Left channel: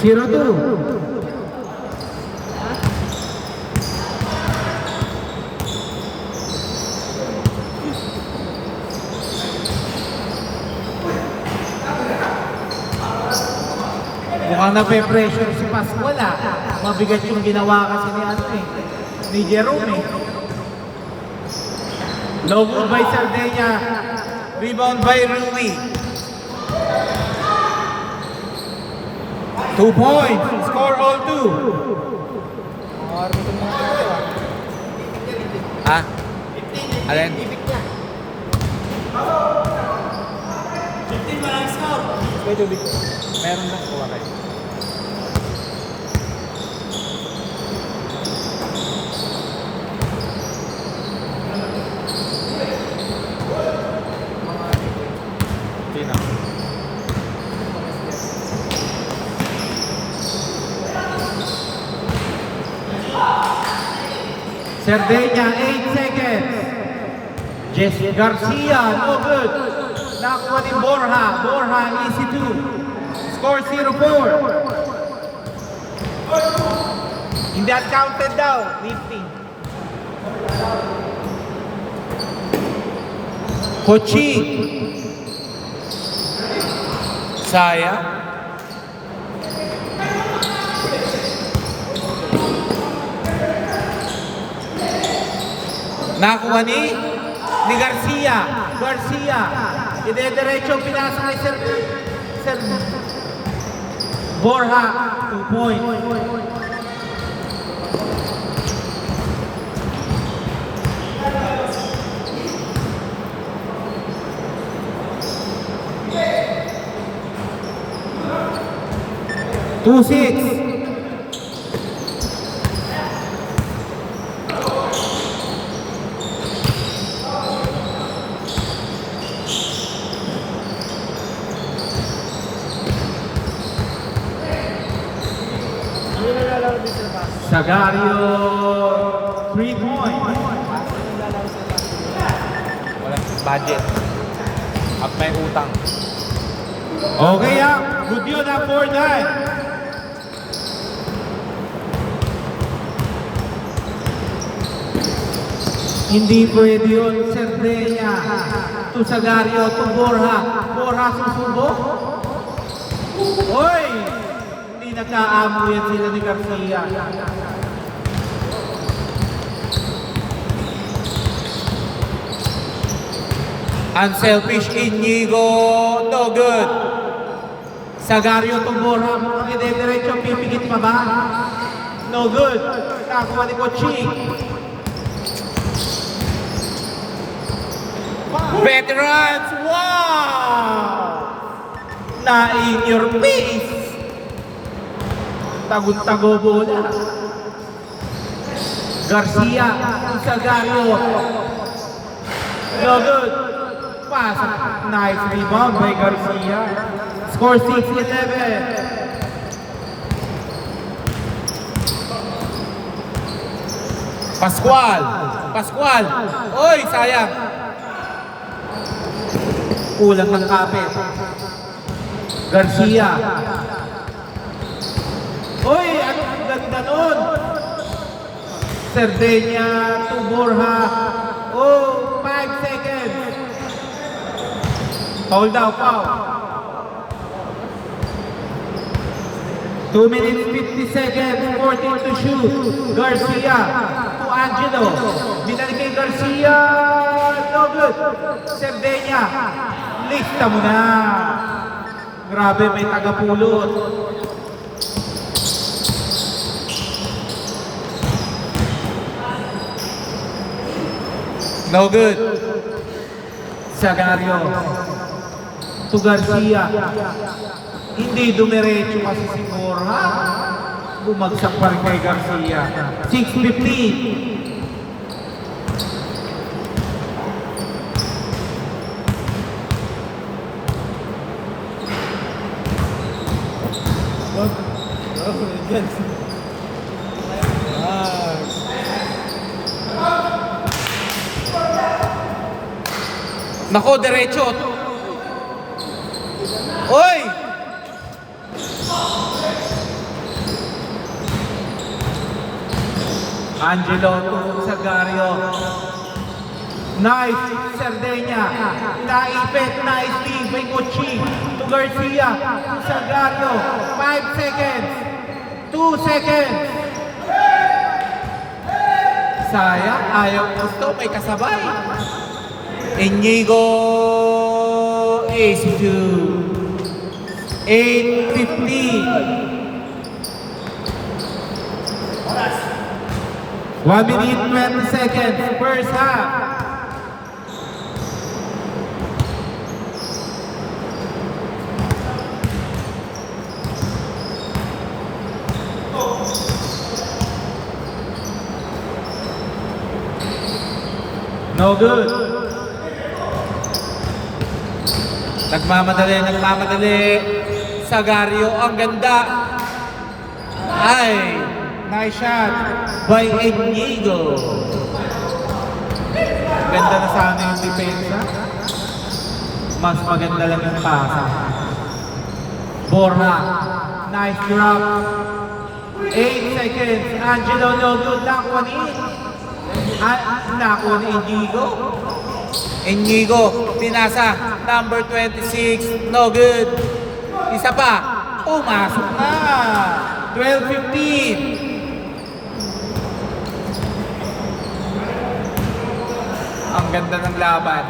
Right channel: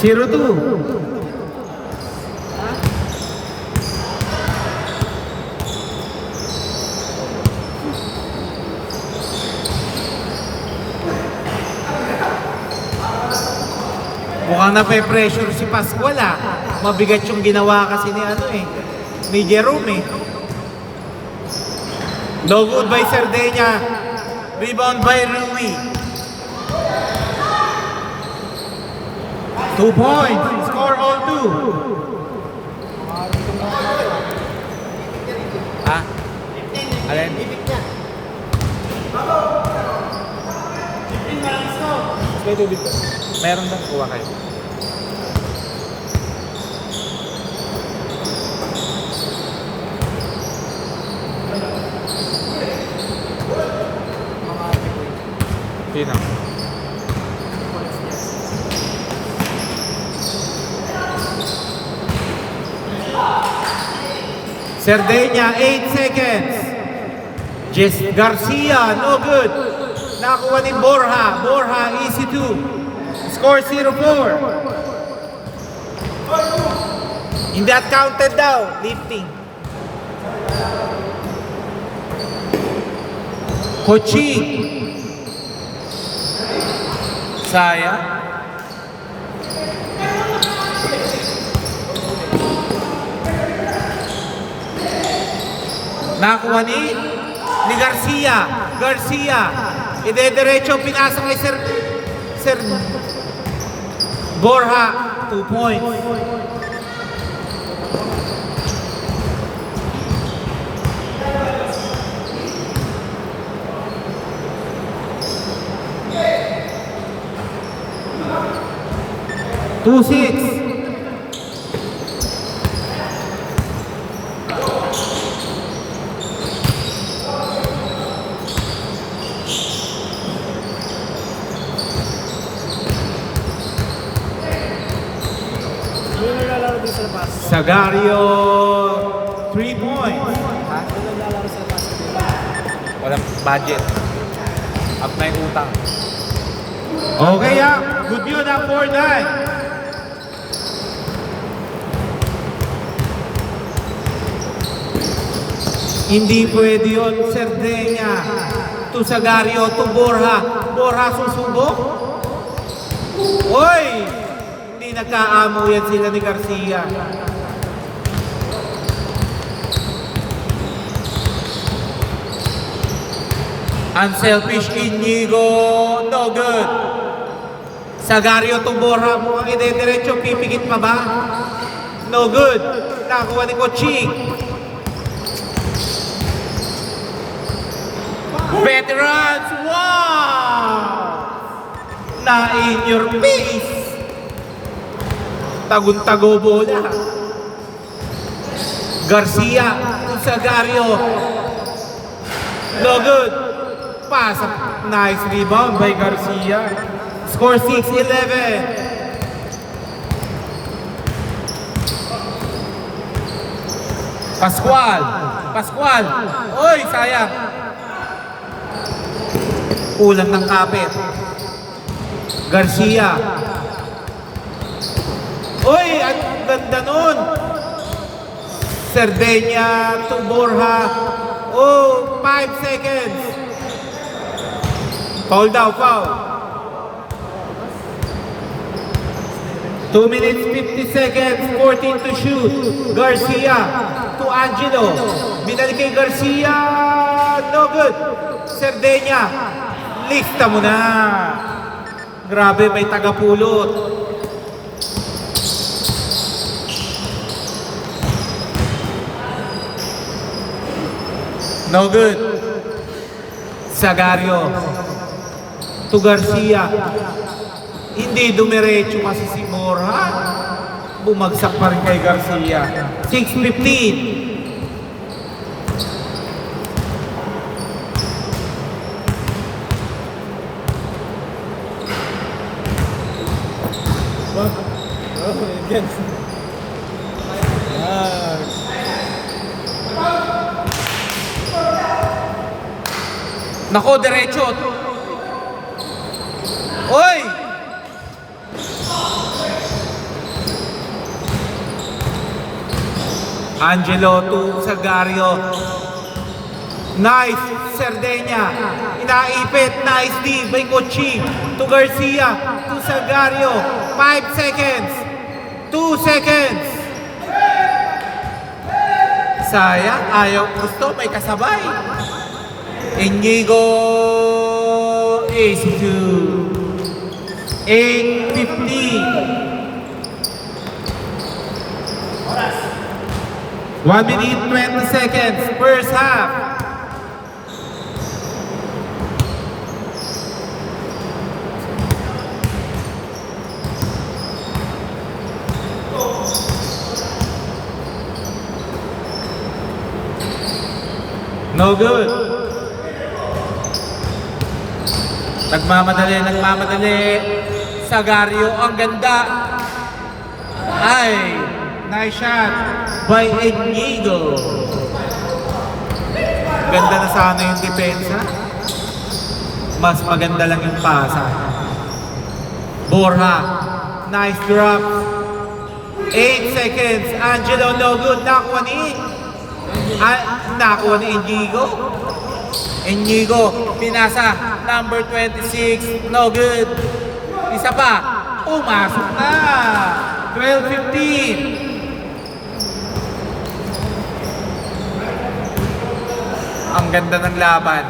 0-2. Mukhang nape-pressure si Pascual ah. Mabigat yung ginawa kasi ni Jerome eh. No good by Sardinia. Rebound by Rui. 2 points. Score all 2. Ha? Alin? Meron bang kuha kayo? Sino? Sardinia, 8 seconds. Jess Garcia, no good. Nakuha ni Borja. Borja, easy 2. Score 0-4. Hindi at counted daw. Lifting. Coaching. Sayang. Nakuha ni Garcia. Garcia. Ide-diretso pinasa kay Sir Borja. 2 points. Two six. Sagario 3 points. Walang budget. At may utang. Okay good yun 4-9. Hindi pwede yun, Sardinia. To Sagario, to Borja. Borja susubok. Hoy! Hindi nagkaamo yan sila ni Garcia. Unselfish Inigo, no good. Sagario to Borja, mukhang ide-diretso, pipigit pa ba? No good. Nakuha ni Coaching. Veterans, wow! Na in your face. Tagun-tago bola. Garcia, Sagario. No good. Pass. Nice rebound by Garcia. Score 6-11. Pascual. Oy, sayang. Kulang ng kapit. Garcia. Uy, ang ganda nun. Sardinia to Borja. Oh, 5 seconds. Foul daw, foul. 2 minutes 50 seconds, 14 to shoot. Garcia to Angelo. Binalik kay Garcia. No good. Sardinia. Lista mo na. Grabe, may tagapulot. No good. Sagario to Garcia. Hindi dumiretso kasi si Borja. Bumagsak pa rin kay Garcia. 6:15. Nako, derecho. Oy! Angelo to Sagario. Nice, Sardenya. Inaipit, nice D by Kochi. To Garcia, to Sagario. 5 seconds. 2 seconds. Sayang, ayaw gusto, may kasabay. Inigo is to 8:15. 1 minute 20 seconds, first half. No good. Nagmamadali. Sagario, ang ganda. Ay, nice shot by Inigo. Ganda na sana yung depensa. Mas maganda lang yung pasa. Borja, nice drop. 8 seconds. Angelo, no good. Nakuha ni Inigo. Inigo, pinasa. Number 26, no good. Isa pa. Pumasok na. 12:15. Ang ganda ng laban.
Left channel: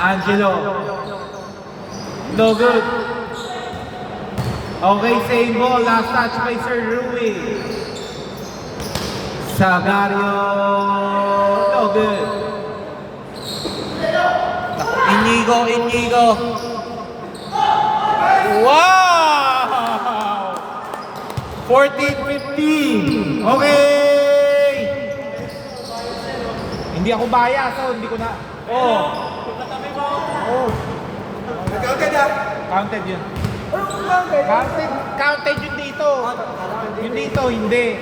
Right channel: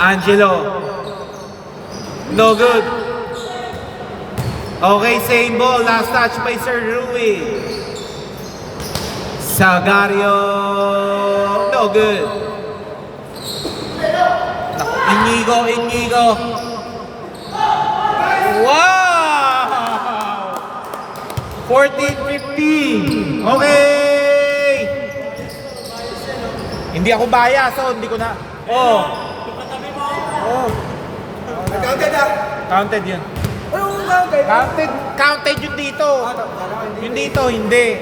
Angelo. No good. Okay, same ball. Last touch by Sir Rui. Sagario. No good. Inigo. Wow! 14-15. Okay! Hindi ako bias, so hindi ko na... Oh. Counted yun. Counted yun dito. Yun dito, hindi.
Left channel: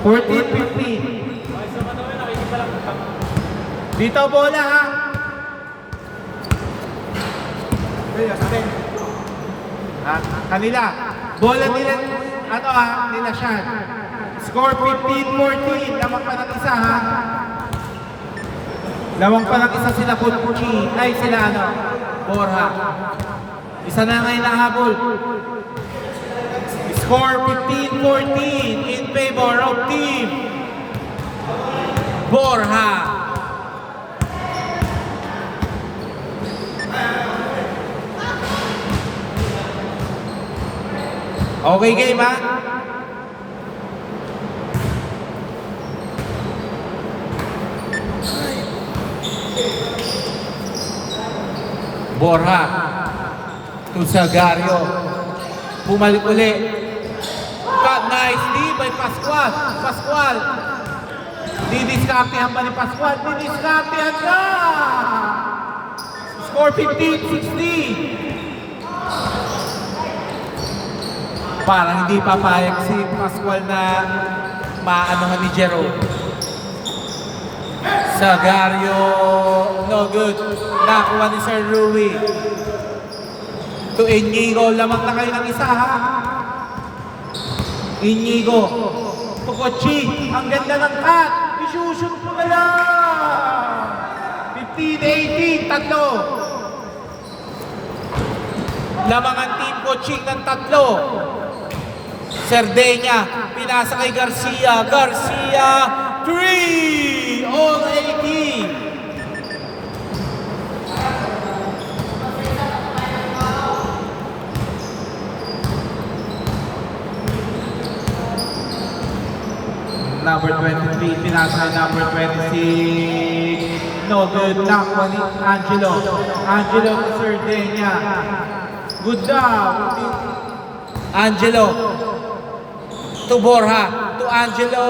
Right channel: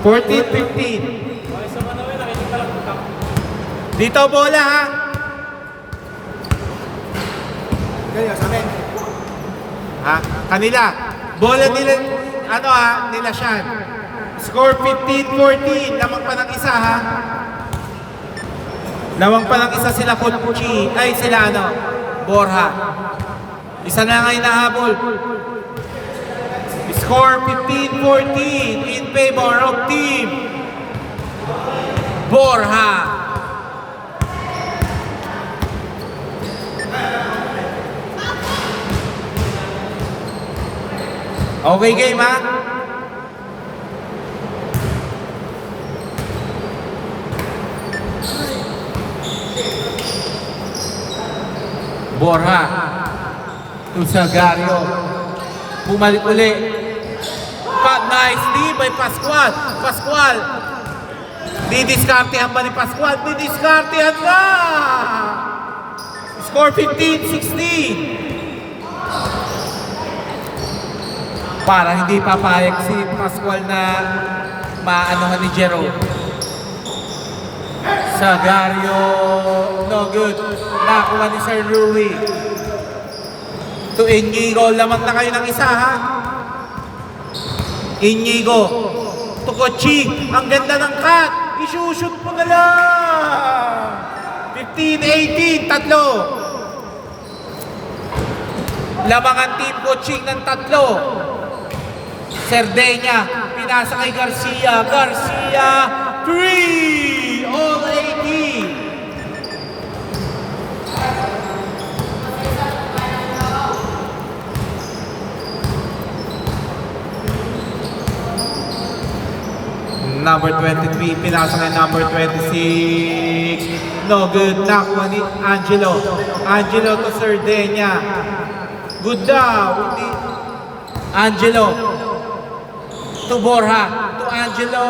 14-15. Dito bola ha. Kanila. Bola nila, nila Sean. Score 15-14. Lamang pa ng isa ha. Lamang pa ng isa sila Kochi. Ay sila Borja. Isa na ngayon nahabol. Score 15-14 in favor of team Borja. Okay game ha? Borja to Sagario. Bumalik uli. Nicely by Pascual. Didiskartehan ba ni Pascual? Didiskartehan na! Score 15-16. Para hindi papayag si Pascual na maanohan ni Jerome. Sagario, no good. Nakuha ni Sir Rui. To Inigo, lamang na kayo ng isa ha. Inigo, to Kochi, ang ganda ng cut. Isushoot mo na lang. 15-18, tatlo. Lamang ang team Kochi ng tatlo. Sardenya, pinasa kay Garcia. 3! All 80. Number 23, pinasa na number 26. No good. Nakuha ni Angelo. Angelo to Sardenya. Good daw. Angelo to Borja. To Angelo.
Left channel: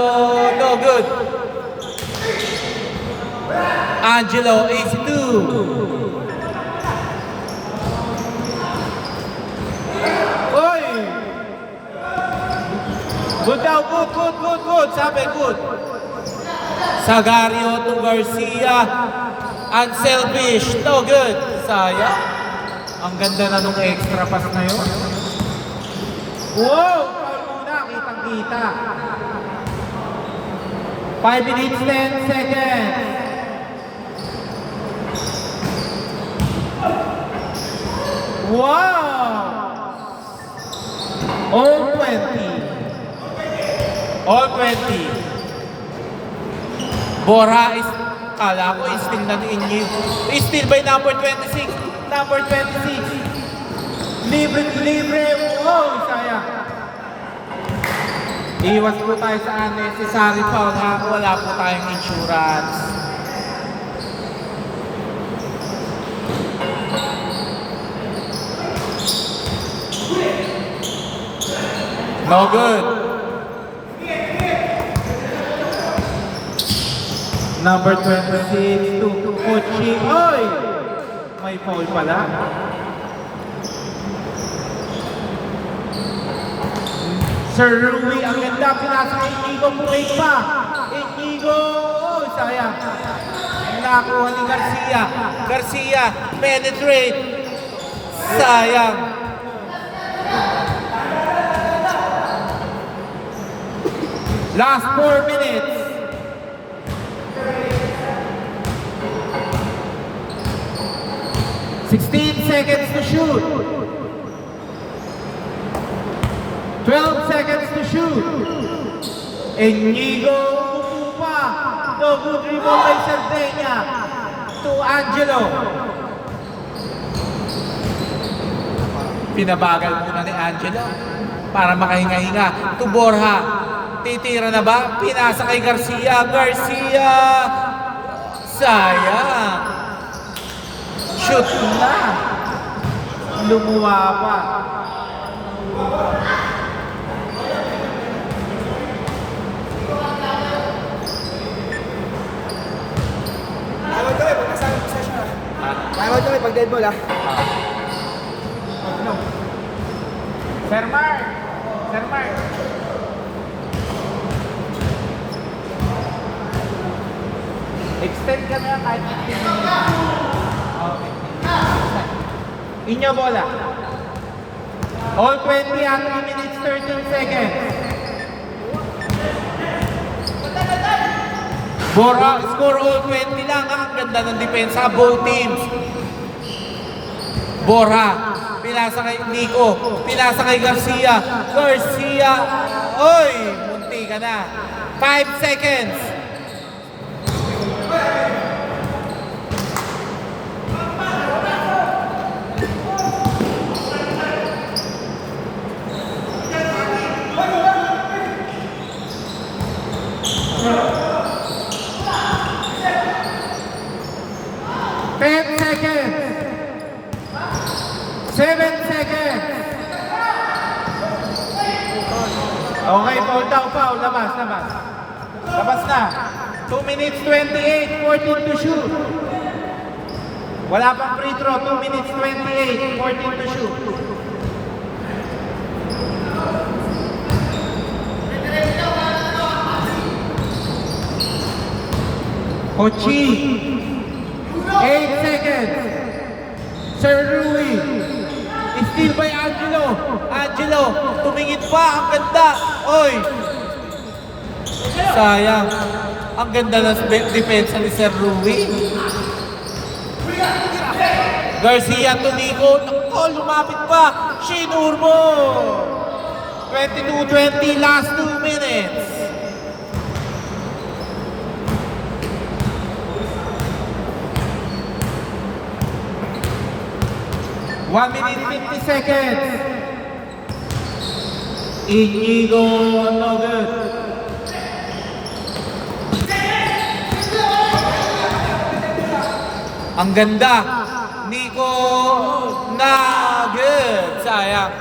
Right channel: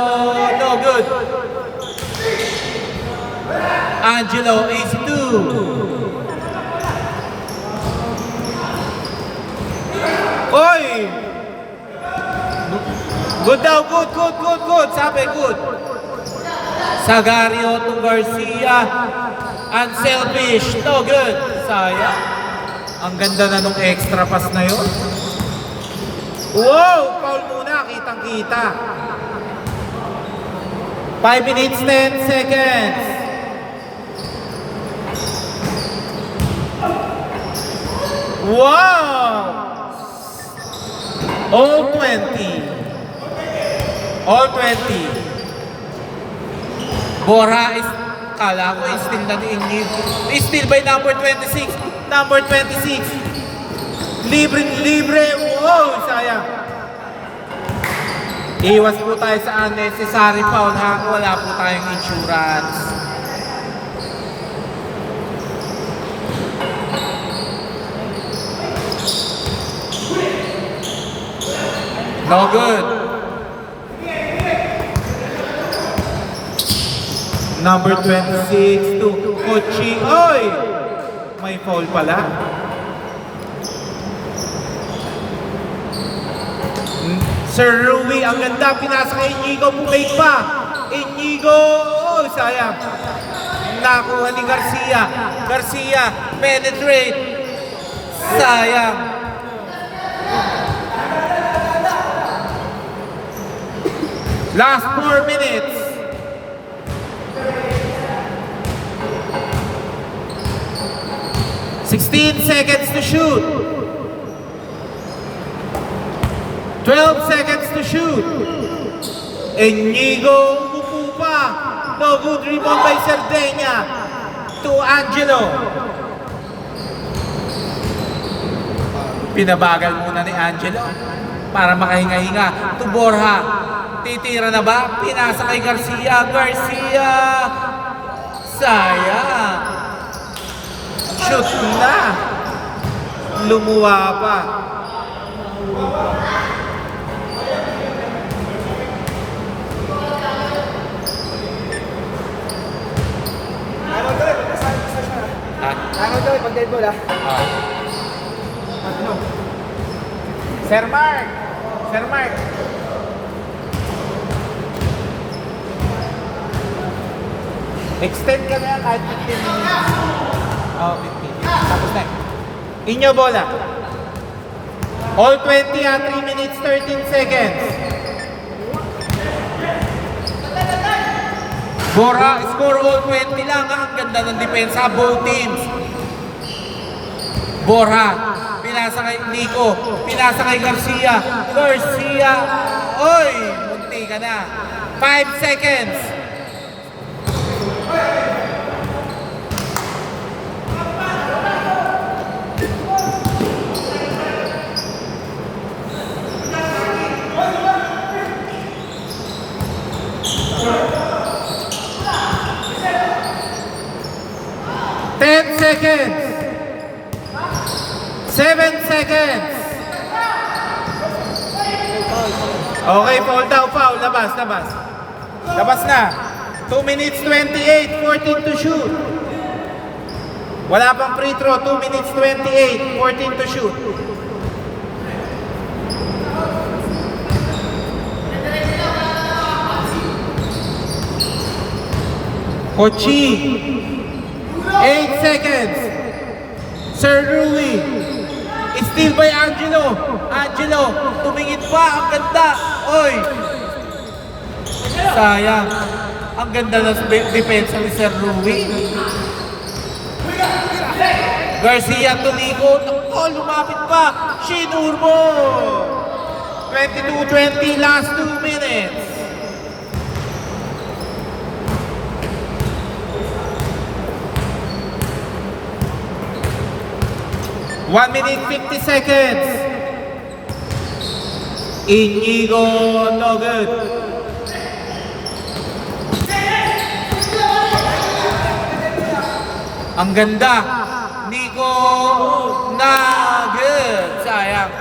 No good. Angelo is 2. Oy! Good daw, good. Sabi, good. Sagario to Garcia. Unselfish. No good. Sayang. Ang ganda na nung extra pass na yun. Wow! Foul muna. Kitang kita. 5 minutes, 10 seconds. Wow! All 20. All 20. Bora is, kala ko still na ni Inigo. Still by number 26. Number 26. Libre, libre. Oh, sayang. Iwas po tayo sa unnecessary foul ha. Wala po tayong insurance. No good. Number 26 to Kochi. Oy! May foul pala. Sir Rui, ang ganda. Pinasa kay Inigo. Plate pa. Inigo. Oh, sayang. Nakuha ni Garcia. Garcia, penetrate. Sayang. Last 4 minutes. Sixteen seconds to shoot. 12 seconds to shoot. Inigo upo pa. No good rebound by Sardegna. To Angelo. Pinabagal muna ni Angelo para makahinga-hinga. To Borja. Titira na ba? Pinasa kay Garcia. Garcia! Sayang! Shoot na! Lumuwa pa. Araw daw pag dead ball ah. Sir Mark! Sir Mark! Extend ka na kahit 15 minutes. Oh, 15. Extend. Inyo bola. All 20 at 3 minutes 13 seconds. Bora, score all 20 lang. Ang ganda ng depensa, both teams. Bora, pinasa kay Nico, pinasa kay Garcia. Garcia, oy, munti ka na. 5 seconds. Seconds. 7 seconds. Okay, foul daw, foul. Labas, labas. Labas na. 2 minutes 28, 14 to shoot. Wala pang free throw, 2 minutes 28, 14 to shoot. Kochi. 8 seconds. Sir Rui. Steal by Angelo. Angelo, tumingin pa. Ang ganda. Oy. Sayang. Ang ganda ng depensa ni Sir Rui. Garcia tumikot. Oh, lumapit pa. Shinur mo. 22-20, last 2 minutes. One minute 50 seconds. Inigo, no good. Ang ganda. Nico, na good. Sayang.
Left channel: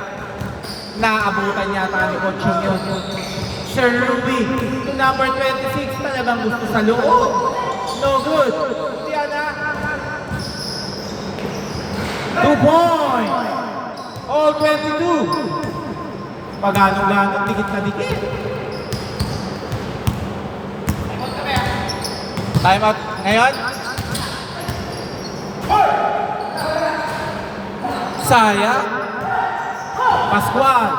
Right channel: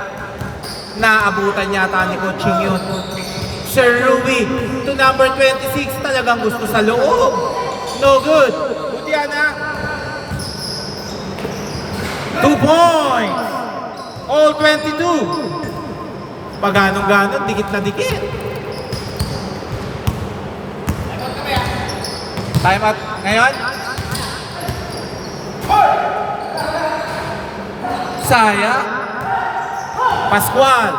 Naabutan yata ni Coaching yun. Sir Ruby, to number 26, talagang gusto sa loob. No good. Yan na. 2 points. All 22. Pag-anong-ganon, dikit na dikit. Time out ngayon. Saya. Pascual.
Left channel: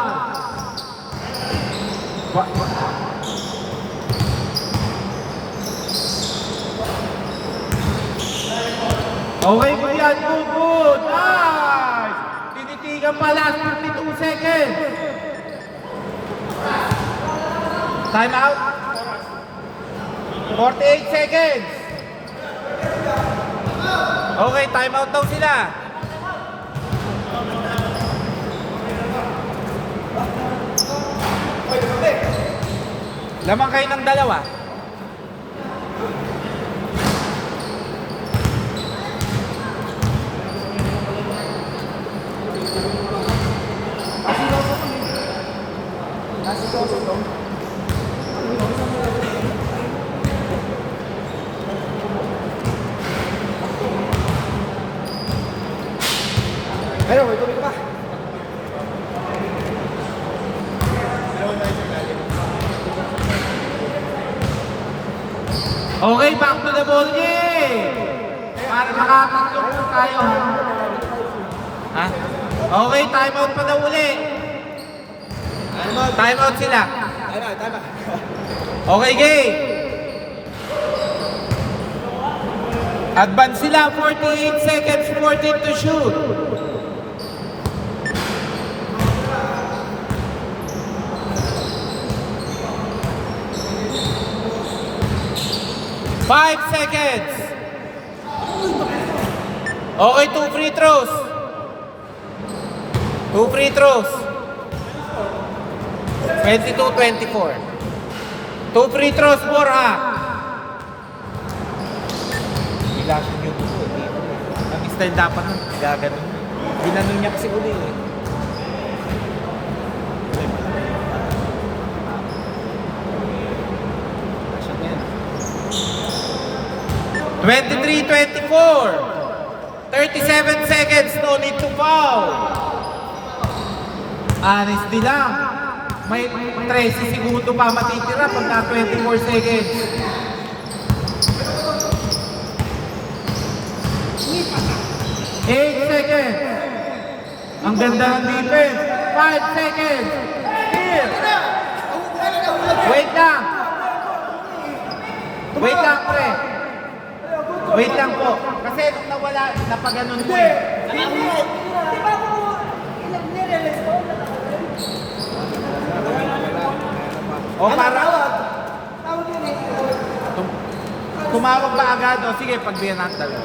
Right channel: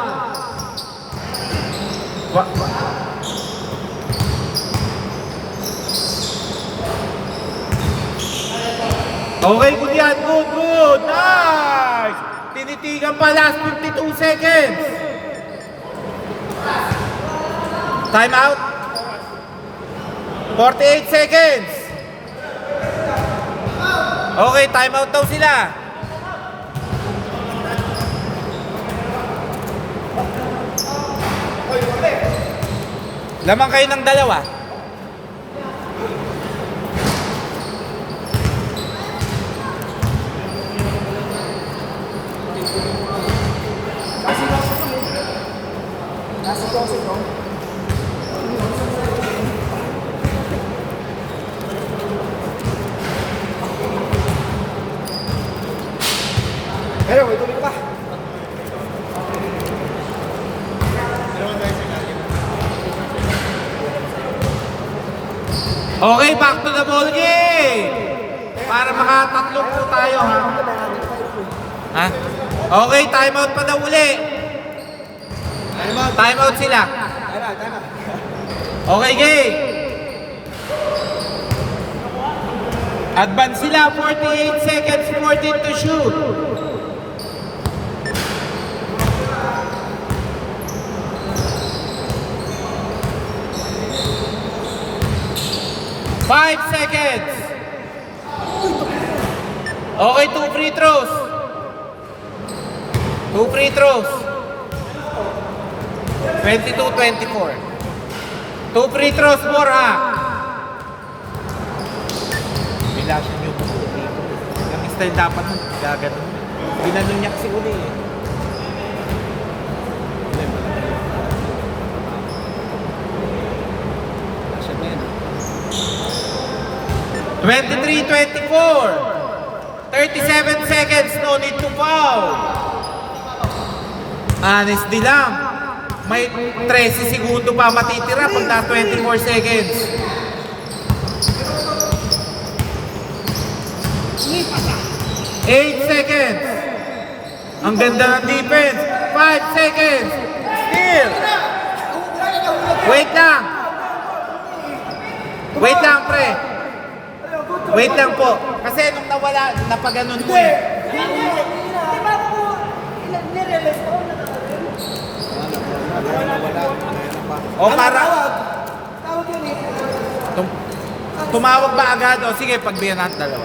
Okay, good yan. Good, good. Nice! Tinitigan pa last 52 seconds. Time out. 48 seconds. Okay, time out daw sila. Lamang kayo ng dalawa. Pero, may tubig ka pa. Okay, back to the ball game. Para makatatlong po tayo. Ha? Okay, time out pa na uli. Time out sila. Tama. Okay, game. Advance sila, 48 seconds, 14 to shoot. Five seconds. Okay, 2 free throws. 2 free throws. 22-24. 2 free throws more, ha? Bilasyon yun. Ang style dapat nung gagano'n. Ginanon niya kasi uli. Wala, malaki. Bilasyon na yan, ha? 23-24. 37 seconds, no need to foul. Honestly lang. May 13 segundo pa matitira pagka 24 seconds. 8 seconds. Ang ganda ng defense. 5 seconds. Steal. Wait lang. Wait lang, pre. Wait lang po. Kasi nung nawala, napaganon ko eh. O para... Tumawag ba agad? O sige, pagbiyan natin dalawa.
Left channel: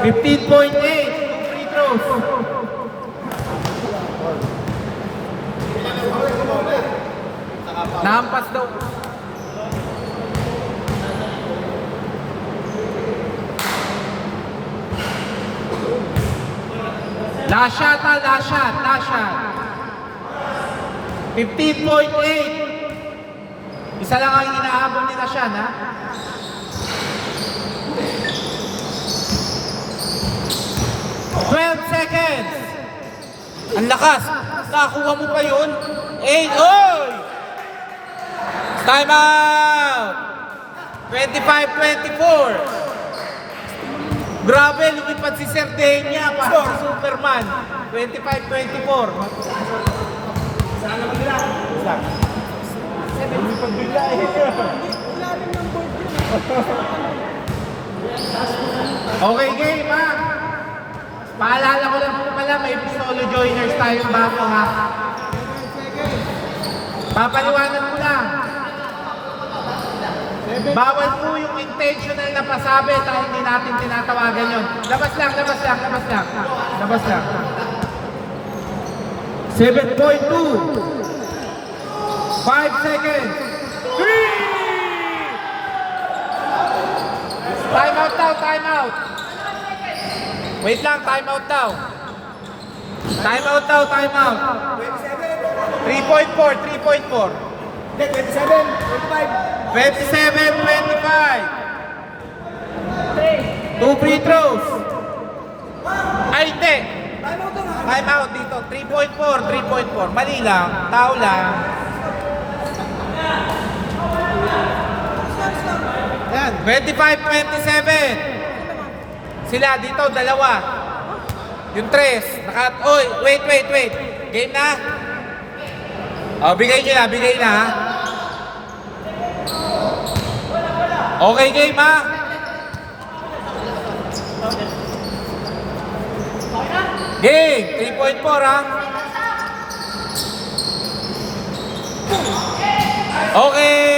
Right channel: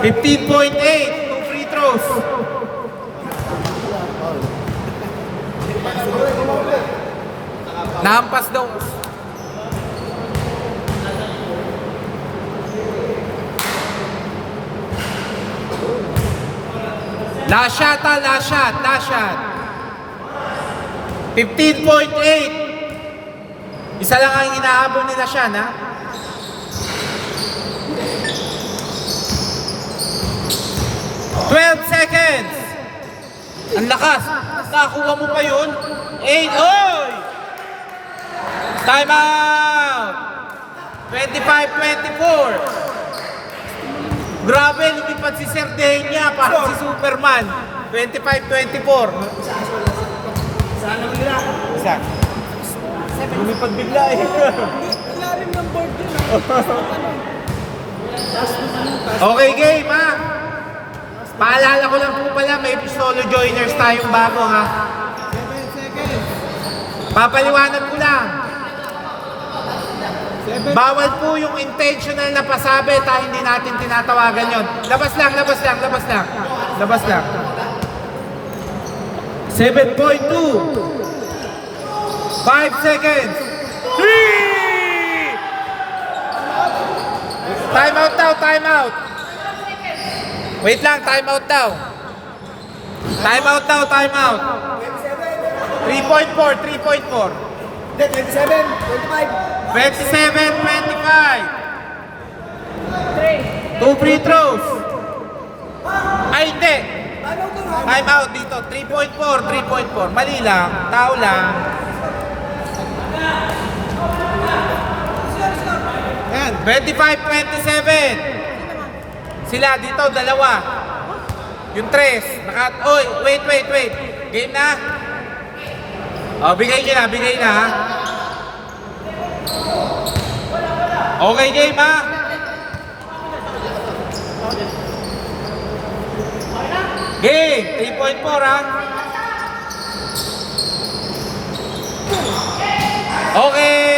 15.8. 2 free throws. Nahampas daw. Last shot, ha? Last shot. Last shot. 15.8. Isa lang ang inahabol nila siya, ha? Seconds. Ang lakas. Nakakuha mo pa yun? 8. Oy! Time out! 25-24. Grabe, hindi pa si Sardegna, parang si Superman. 25-24. Isa. Lumipad bigla eh. Okay, game, ha? Paalala ko lang po pala, may Pistolo Joiners tayong bago, ha? Papaliwanag ko lang. Bawal po yung intentional na pasabi tayo hindi natin tinatawagan yun. Labas lang, labas lang, labas lang. Labas lang. 7.2. 5 seconds. 3! Time out daw, time out. Wait lang, time out daw. Time out daw, time out. 3.4, 3.4. 27, 25. 27, 25. 2 free throws. Ay, hindi. Time out dito. 3.4, 3.4. Mali lang. Tao lang. Ayan. 25, 27. Sila dito, dalawa. Yung 3. Oy, wait. Game na. Bigay na ha. Okay, game ha. Game, 3.4 ha. Okay.